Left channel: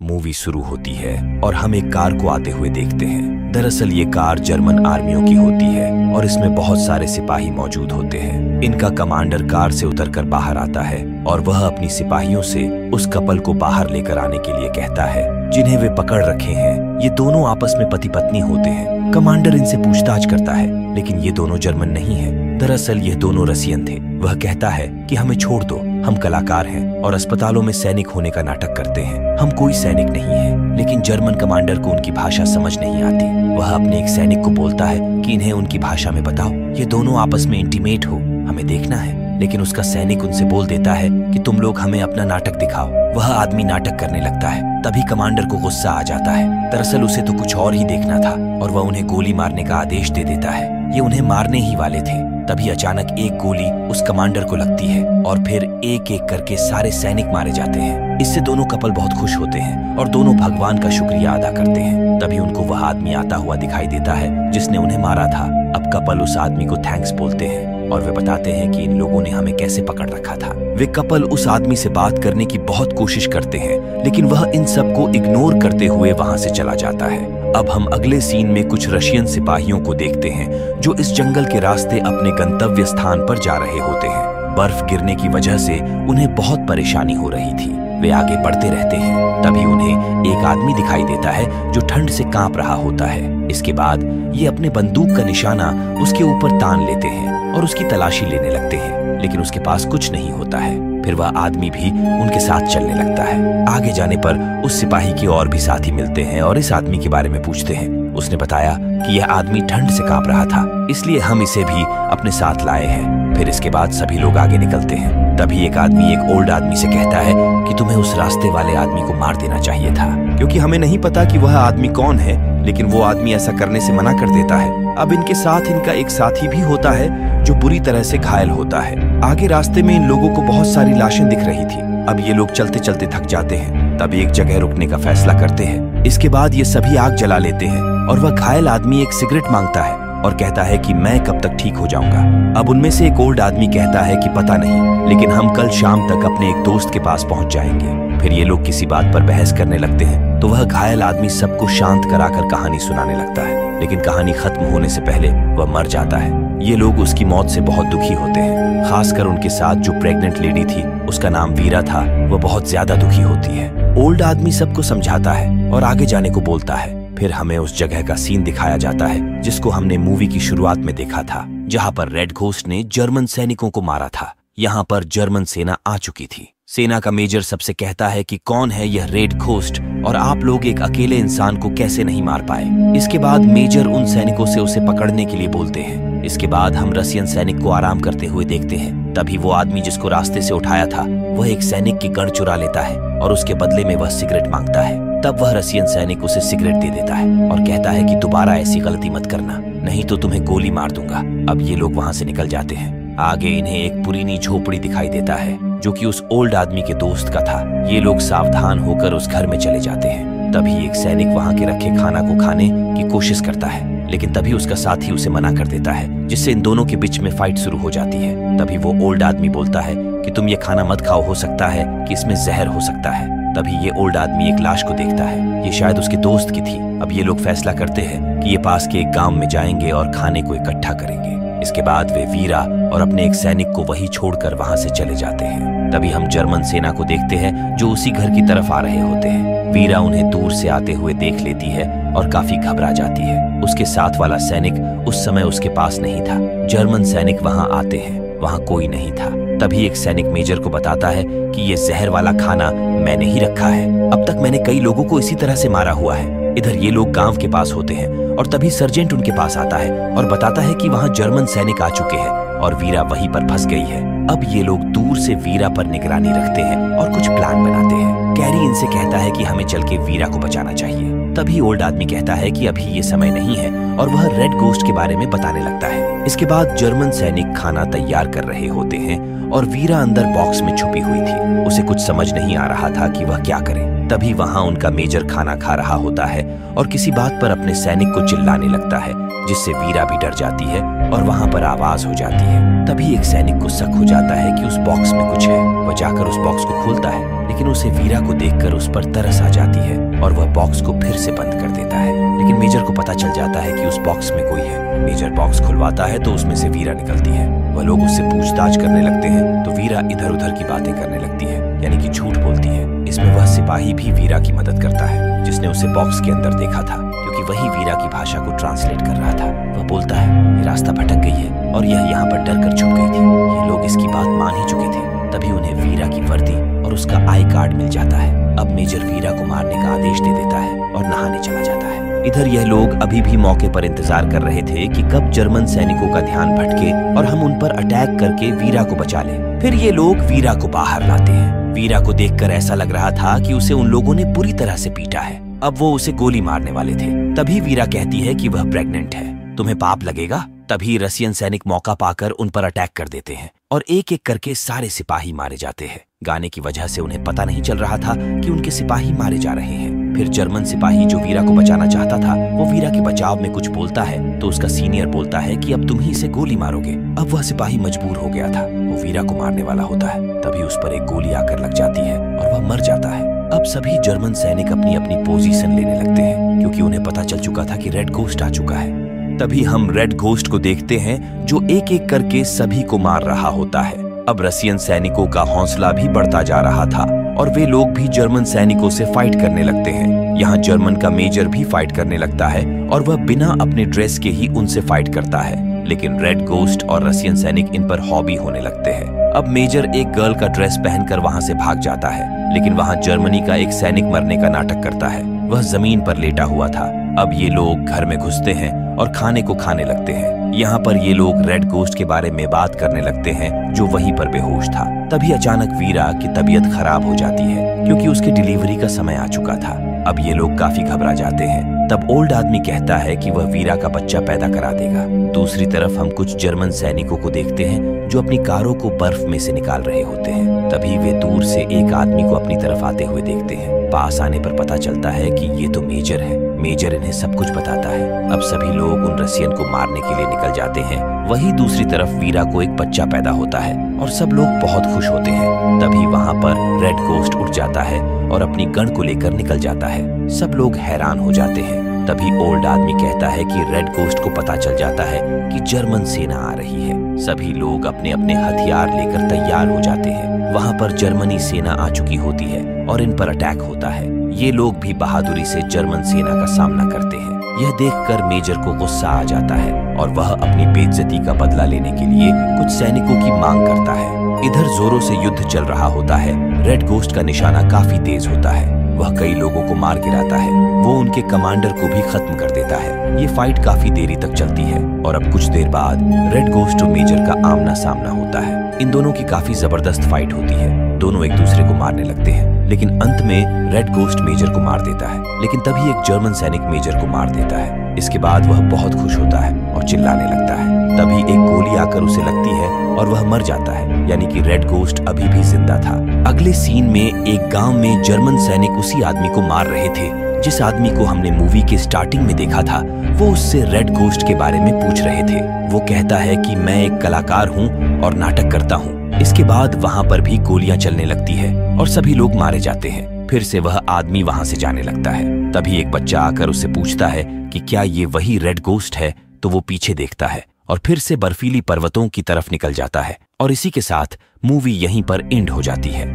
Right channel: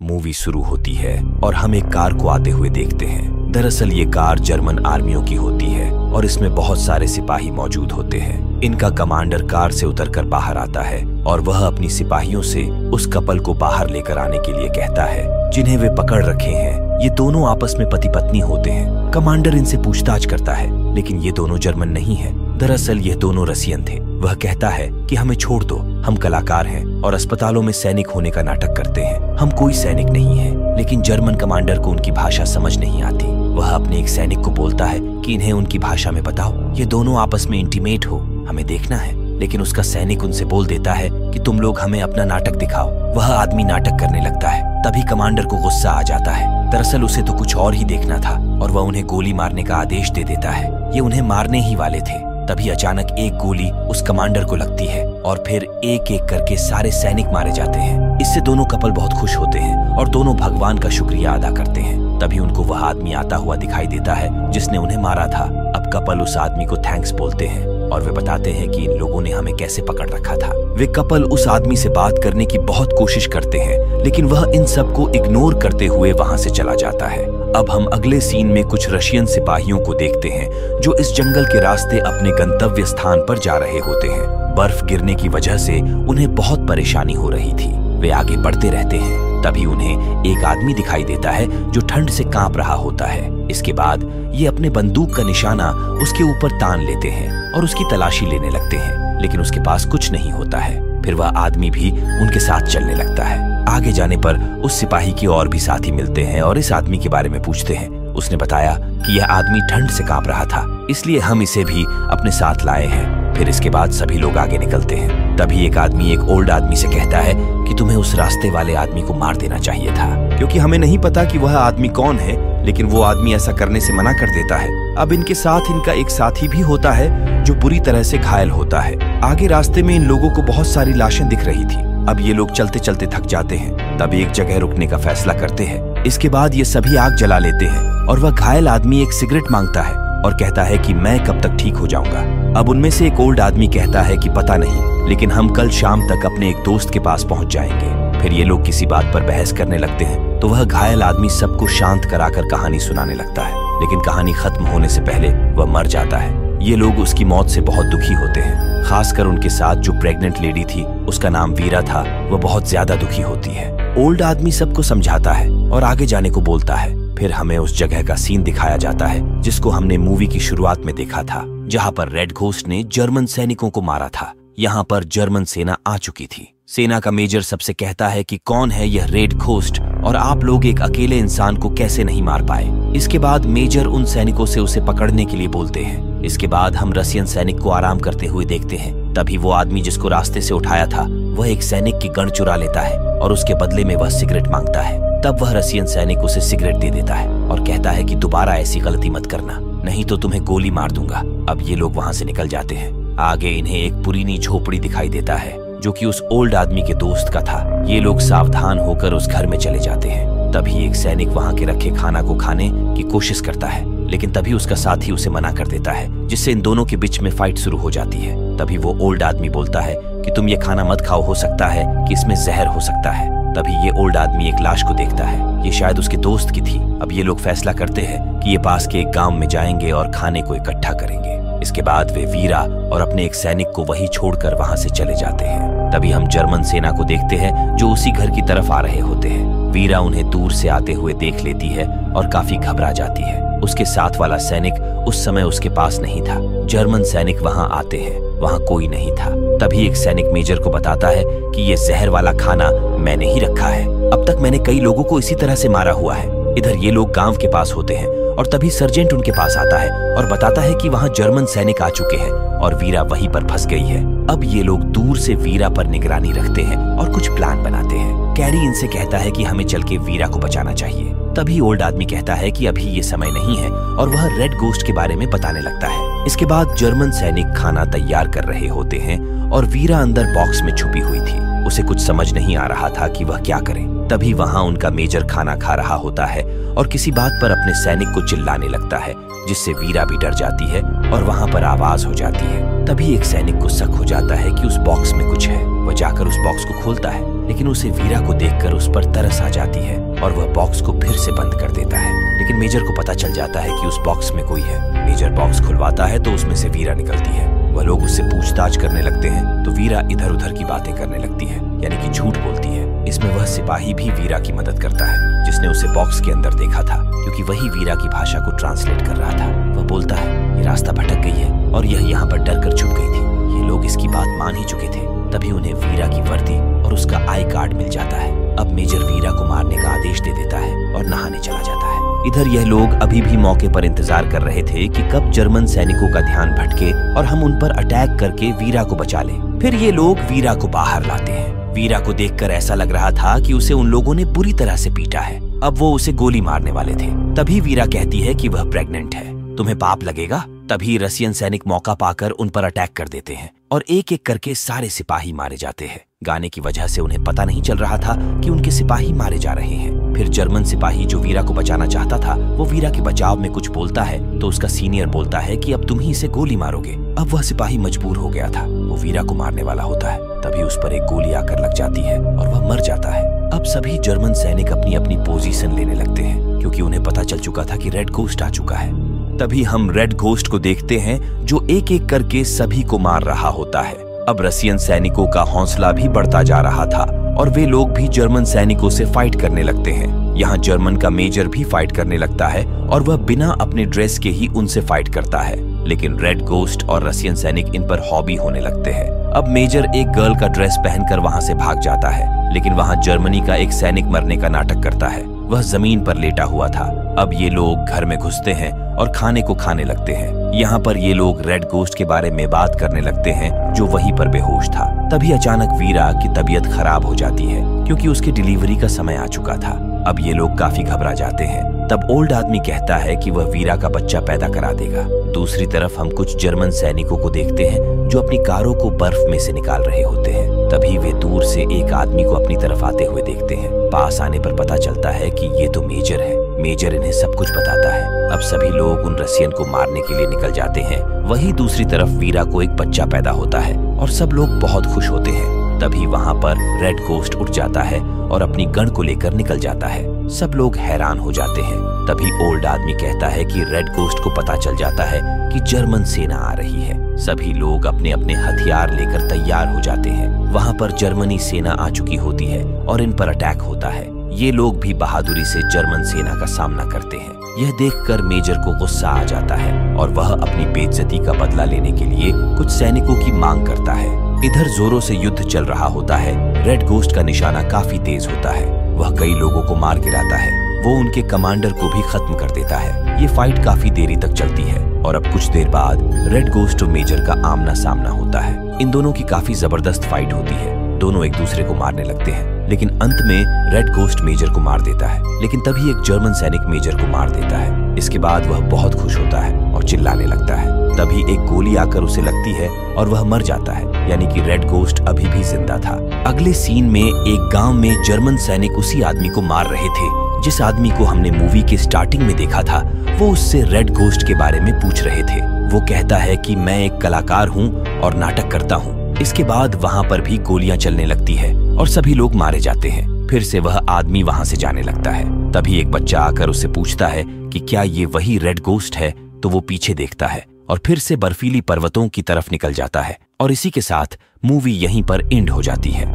Movie शुरू होती है और हम एक कार को आते हुए देखते हैं। दरअसल ये कार जर्मन आर्मियों की होती है और इसमें बहुत सारे सिपाही मौजूद होते हैं। इनका कमांडर कार से उतरकर बाहर आता है और वह अपनी सिपाहियों से उस कपल को बाहर लेकर आने के लिए कहता है जिन्हें वे पकड़ रखे हैं। ये दोनों आपस में पति पत्नी होते हैं। कमांडर इनसे पूछताछ करता है, लेकिन ये दोनों जर्मन नहीं हैं। दरअसल ये दोनों रसियन थे। वह कहता है कि हमें छोड़ दो, हम कलाकार हैं और अस्पतालों में सैनिक होने का नाटक करते हैं। हम कोई सैनिक नहीं है। लेकिन जर्मन कमांडर को उनकी भाषा समझ नहीं आती। वह अपने एक सैनिक को बोलता है कि इन्हें उनकी भाषा में बताओ, ये दोनों आपस में इंटीमेट हो, हमें देखना है। लेकिन उसका सैनिक उनसे बोल देता है कि तुम लोग हमें अपना नाटक दिखाओ। वह आदमी नाटक करने लगता है। तभी कमांडर को गुस्सा आ जाता है। दरअसल उसे तो कुछ और ही देखना था और वह उन्हें गोली मारने का आदेश दे देता है। ये उन्हें मारने ही वाले थे। तभी अचानक एक गोली उस कमांडर को लगती है और फिर एक एक करके सारे सैनिक मारे जाते हैं। इससे दोनों कपल बहुत खुश होते हैं और दोनों भगवान का शुक्रिया अदा करते हैं। तभी उनको वह आदमी आता हुआ दिखाई देता है जिसने उन्हें मारा था। अब कपल उस आदमी को थैंक्स बोलते हैं और वे बताते हैं कि इन लोगों ने हमें कैसे पकड़ रखा था। वे कपल उस आदमी से बात करने की बहुत कोशिश करते हैं, लेकिन वह इन सबको इग्नोर करते हुए वहां से चला जाता है। अब हम अगले सीन में कुछ रशियन सिपाहियों को देखते हैं जो इस जंगल के रास्ते अपने गंतव्य स्थान पर जा रहे होते हैं। बर्फ गिरने की वजह से उन्हें बहुत परेशानी हो रही थी। वे आगे बढ़ते रहते हैं। तभी उन्हें एक आदमी दिखाई देता है जो ठंड से कांप रहा होता है। इसके बाद ये अपने बंदूक का निशाना उसके ऊपर तान लेते हैं और उसकी तलाशी लेने लगते हैं, लेकिन उसके पास कुछ नहीं होता है। फिर वह आदमी भी उनके साथ चलने लगता है। आगे जाने पर उस सिपाही के और भी साथी मिलते हैं और इस आदमी के बारे में पूछते हैं। उसने बताया कि यह आदमी ठंड से कांप रहा था, इसलिए हम इसे भी अपने साथ लाए हैं। फिर इसके बाद सभी लोग आगे निकलते हैं। तभी एक आदमी एक ओल्ड आदमी से कहता है कि तुम्हें उस रास्ते वाले आदमी को मार देना चाहिए था, क्योंकि हमें नहीं पता कि वह आदमी कौन है, लेकिन वो आदमी ऐसा करने से मना कर देता है। अब इनके साथ इनका एक साथी भी होता है जो बुरी तरह से घायल होता है। आगे रास्ते में इन लोगों को बहुत सारी लाशें दिख रही थी। अब ये लोग चलते चलते थक जाते हैं। तब एक जगह रुकने का फैसला करते हैं। इसके बाद ये सभी आग जला लेते हैं और वह घायल आदमी एक सिगरेट मांगता है और कहता है कि मैं कब तक ठीक हो जाऊंगा। अब उनमें से एक ओल्ड आदमी कहता है कि पता नहीं, लेकिन हम कल शाम तक अपने एक दोस्त के पास पहुंच जाएंगे। फिर ये लोग किसी बात पर बहस करने लगते हैं तो वह घायल आदमी सबको शांत कराकर कहानी सुनाने लगता है, लेकिन कहानी खत्म होने से पहले वह मर जाता है। ये लोग उसकी मौत से बहुत दुखी होते हैं। खासकर उनके साथ जो प्रेग्नेंट लेडी थी, उसका नाम वीरा था, वह बहुत ज्यादा दुखी होती है। ओल्ड आदमी सबको समझाता है और आगे जाने को बोलता है। फिर हमें उस जगह का सीन दिखाया जाता है जिसको हमने मूवी की शुरुआत में देखा था, जहां पर रेड घोस्ट ने जर्मन सैनिकों को मारा था। यहाँ पर जर्मन सेना आ चुकी थी। सेना का मेजर सबसे कहता है कि कौन है यह रेड घोस्ट और आप लोग एक अकेले इंसान को कैसे नहीं मार पाए। इसके बाद मेजर उन सैनिकों से उसे पकड़ने के लिए बोलते हैं। इसके बाद हम रसियन सैनिक को आराम करते हुए देखते हैं। तभी वो आदमी जिसको रास्ते से उठाया था, वह एक सैनिक की गन चुरा लेता है और उसके बदले में वह सिगरेट मांगता है। तब वह रसियन सैनिक उसे सिगरेट दे देता है और कहता है कि दोबारा ऐसी गलती मत करना, नहीं तो तुम्हें गोली मार दूंगा। अब ये लोग वहां से निकल जाते हैं। आगे इन्हें एक पुरानी झोपड़ी दिखाई देता है जो कि उस ओल्ड आदमी के दोस्त का था। ये लोग सावधान होकर उस घर में चले जाते हैं। तभी एक सैनिक वहां के रखे खाना को खाने की कोशिश करता है, लेकिन तभी उसका साथी उसे मना कर देता है, जिससे इन दोनों के बीच में फाइट शुरू हो जाती है। तभी वो ओल्ड आदमी बोलता है कि तुम ये खाना मत खाओ, हो सकता है कि इसमें जहर हो सकता है। तभी ये ओल्ड आदमी एक लाश को देखता है। ये शायद उसके दोस्त की थी। अब ये लोग फैसला करते हैं कि ये पास के एक गांव में जाएंगे और खाने को इकट्ठा करेंगे। इसके बाद वे वीरा और अपने एक सैनिक को वहीं छोड़कर वहां से चले जाते हैं। तभी हम जर्मन सेना को देखते हैं जो उसी घर की तरफ आ रहे होते हैं। वीरा उन्हें दूर से आते हुए देख लेती है और काफी घबरा जाती है। उसके साथ वाला सैनिक उस समय उसके पास नहीं था। जर्मन सैनिक वहां आते हैं, वहां कोई नहीं था। तभी एक सैनिक मेजर को बताता है कि ये जहर वाला खाना मैंने ही रखा है। अब तक मैंने कई लोगों को इसी तरह से मारा हुआ है। इधर ये लोग गांव के पास होते हैं और तभी सर्जेंट उनके पास आता है और बताता है कि वहां जर्मन सैनिक आ चुके हैं और वीरा वहीं पर फंस गई है। अब ये लोग दूर से वीरा पर निगरानी रखते हैं और कुछ प्लान बनाते हैं। कैरी इनसे कहता है कि हमें चल के वीरा को बचाना चाहिए। तभी ओल्ड आदमी कहता है कि अभी ये समय नहीं है और वह रेड घोस्ट के बारे में बताने लगता है। इसके बाद जर्मन सैनिक खाना तैयार कर रहे होते हैं और वीरा अंदर बॉक्स में छुपी हुई थी। उसे कुछ समझ नहीं आ रहा था कि वह क्या करे। तभी वहां उनका मेजर खाना खा रहा होता है और किसी बात पर अपने सैनिक को चिल्लाने लगता है, जिससे वीरा भी डर जाती है और वहां पर आवाज हो जाती है। तभी एक सैनिक को शक हो जाता है कि उस बॉक्स में कुछ है। वह जाकर उस बॉक्स को खोलता है, लेकिन उसे वीरा को देखकर उस पर तरस आ जाती है और वह बॉक्स को फिर से बंद कर देता है। लेकिन मेजर को पता चल जाता है कि उस बॉक्स में कोई है। मेजर बॉक्स खुलवाता है तो उसमें से वीरा निकलती है। वह लोग उससे पूछताछ करने लगते हैं तो वीरा इधर उधर की बातें करने लगती है, यानी कि झूठ बोलती है। इसमें वह सिपाही भी वीरा की मदद करता है जिसने उसे बॉक्स के अंदर देखा था, क्योंकि वही वीरा की भाषा को ट्रांसलेट कर रहा था। वह बोलता है ये रास्ता भटक गई है और यह यहाँ पर डर कर छुप गई थी। ये लोग इसकी बात मान ही चुके थे। तभी उन्हें वीरा की वर्दी और उसका आई कार्ड मिल जाता है। अब मेजर वीरा को मारने का आदेश दे देता है और नहाने चला जाता है। इधर यह लोग अभी भी मौके पर इंतजार कर रहे थे कि कब जर्मन सैनिकों का ध्यान भटके और हम उन पर अटैक करके वीरा को बचा लें। फिर ये लोग वीरा को बाहर लाते हैं। वीरा को देखकर ऐसा लग रहा था कि उसे उन लोगों ने बुरी तरह से पीटा है। अब वो उसे गोली मारने वाले थे। तभी वीरा कहती है कि वह प्रेग्नेंट है, तुम्हें पाप लगेगा। तभी रसियन सैनिक मौका पाकर उन पर अटैक कर देते हैं और एक एक करके सारे सिपाही मारे जाते हैं। गाने की वजह से उन्हें पता नहीं चल रहा था कि उनके सिपाही मारे जा रहे हैं। फिर जर्मन सिपाही जो वीरा को बचाना चाहता था, वो वीरा के बचाव में कुछ बोलता है तो उसका सीनियर बोलता है कि अब तुम ही इसे गोली मारोगे। अब वह सिपाही मजबूर हो गया था, वो वीरा को मारने वाला होता है। तभी उस पर एक गोली आकर लग जाती है और वह मर जाता है। अब सभी जर्मन सैनिक अपनी अपनी पोजीशन लेने लगते हैं, क्योंकि उन्हें पता चल चुका था कि रेड घोस्ट आ चुका है। तभी हम रेड घोस्ट को देखते हैं जो एक एक करके सभी को मार रहा होता है। अब रसियन सैनिकों का हौसला भी बढ़ता जा रहा था और वे लोग भी जर्मन सैनिकों से फाइट करने लगते हैं। यहाँ जर्मन का मेजर भी फाइट करने लगता है और वह बिना अपने ड्रेस के ही उनसे फाइट करता है। लेकिन रेड घोस्ट और रसियन सैनिक इन पर हॉबी होने लगते हैं। अब मेजर एक गर्ल का ड्रेस पहनकर वहां से भाग जाता है, लेकिन वहां जर्मनी का एक सैनिक मरने का नाटक करता है। वह जमीन पर लेटा हुआ था। अब ये लोग घर में घुसते हैं और खाने को खाने लगते हैं। यहाँ पर ये लोग रेड घोस्ट के बारे में बात करने लगते हैं जो वहीं पर बेहोश था। तभी अचानक वीरा की तबीयत खराब हो जाती है, क्योंकि उसकी डिलीवरी का समय आ चुका था। अब ये लोग काफी घबरा जाते हैं। तब ओल्ड आदमी कहता है कि वह वीरा का बच्चा पैदा करा देगा। दूसरी तरफ हम कुछ जर्मन सैनिकों को देखते हैं जो अपनी कारों को बर्फ में से निकाल रहे होते हैं। तभी वे दूर से एक आदमी को अपनी तरफ आते हुए देखते हैं। पास आने पर पता चलता है कि ये तो मेजर है। मेजर इन्हें सब कुछ बताता है। अब सभी लोग उन रसियन को मारने के लिए निकल जाते हैं। वहीं दूसरी तरफ वीरा को एक बच्चा पैदा होता है और सब लोग बहुत खुश होते हैं। तभी वहां पर रेड घोस्ट उठ जाता है और अपनी गन को लेकर निकल जाता है। सब लोग हैरान हो जाते हैं। तभी ओल्ड आदमी कहता है कि रेड घोस्ट को पता चल जाता है कि जर्मन सेना आ रही है। सभी लोग अपने अपने हथियार लेकर तैयार हो जाते हैं। वहां पर जर्मनी सेना आ चुकी होती है और इन पर अटैक होता है। ये लोग भी बहादुरी से जर्मन सेना का सामना करते हैं। यह देखकर मेजर को गुस्सा आ जाता है और वह अपनी बेइज्जती का बदला लेने के लिए कुछ सैनिकों की मांग करता है। इधर जोरों से युद्ध चल रहा होता है। रेड घोस्ट का निशाना काफी तेज होता है। वह कई लोगों को मार गिराता है। वो उनके कमांडर को भी खत्म कर देता है। ये फाइट काफी देरी तक चलती है और अब कुछ देर बाद रेड घोस्ट और मेजर का आमना सामना होता है। इन दोनों की काफी जबरदस्त फाइट होती है। दोनों एक दूसरे को मारने लगते हैं, लेकिन अंत में रेड घोस्ट मेजर को मार देता है। लेकिन तभी एक जर्मन सैनिक मेजर को मार देता है। इसके बाद वह बहुत खुश होता है और चिल्लाने लगता है। तभी एक गोली आकर उसे लगती है और वह मर जाता है, यानी कि रेड घोस्ट अभी भी जिंदा था। अगले सीन में एक गांव में जर्मन सैनिक उसी आदमी को मार रहे थे जिस आदमी को हमने मूवी के स्टार्टिंग में देखा था। वो उससे रेड घोस्ट के बारे में पूछ रहे थे। वो कहता है कि मैं एक कलाकार हूँ और नाटक करता हूँ। इसके बाद वहां पर भी गोलियां चलने लगती है और सभी लोग मारे जाते हैं। फिर से वह आदमी वहां से जाने लगता है। तभी एक बच्चा आकर उससे पूछता है कि क्या ये वही रेड घोस्ट है। तो वो पीछे देखता है और फिर से बर्फीली पर्वतों की तरफ निकल जाता है। और इसी के साथ मूवी यहीं पर एंड हो जाती है।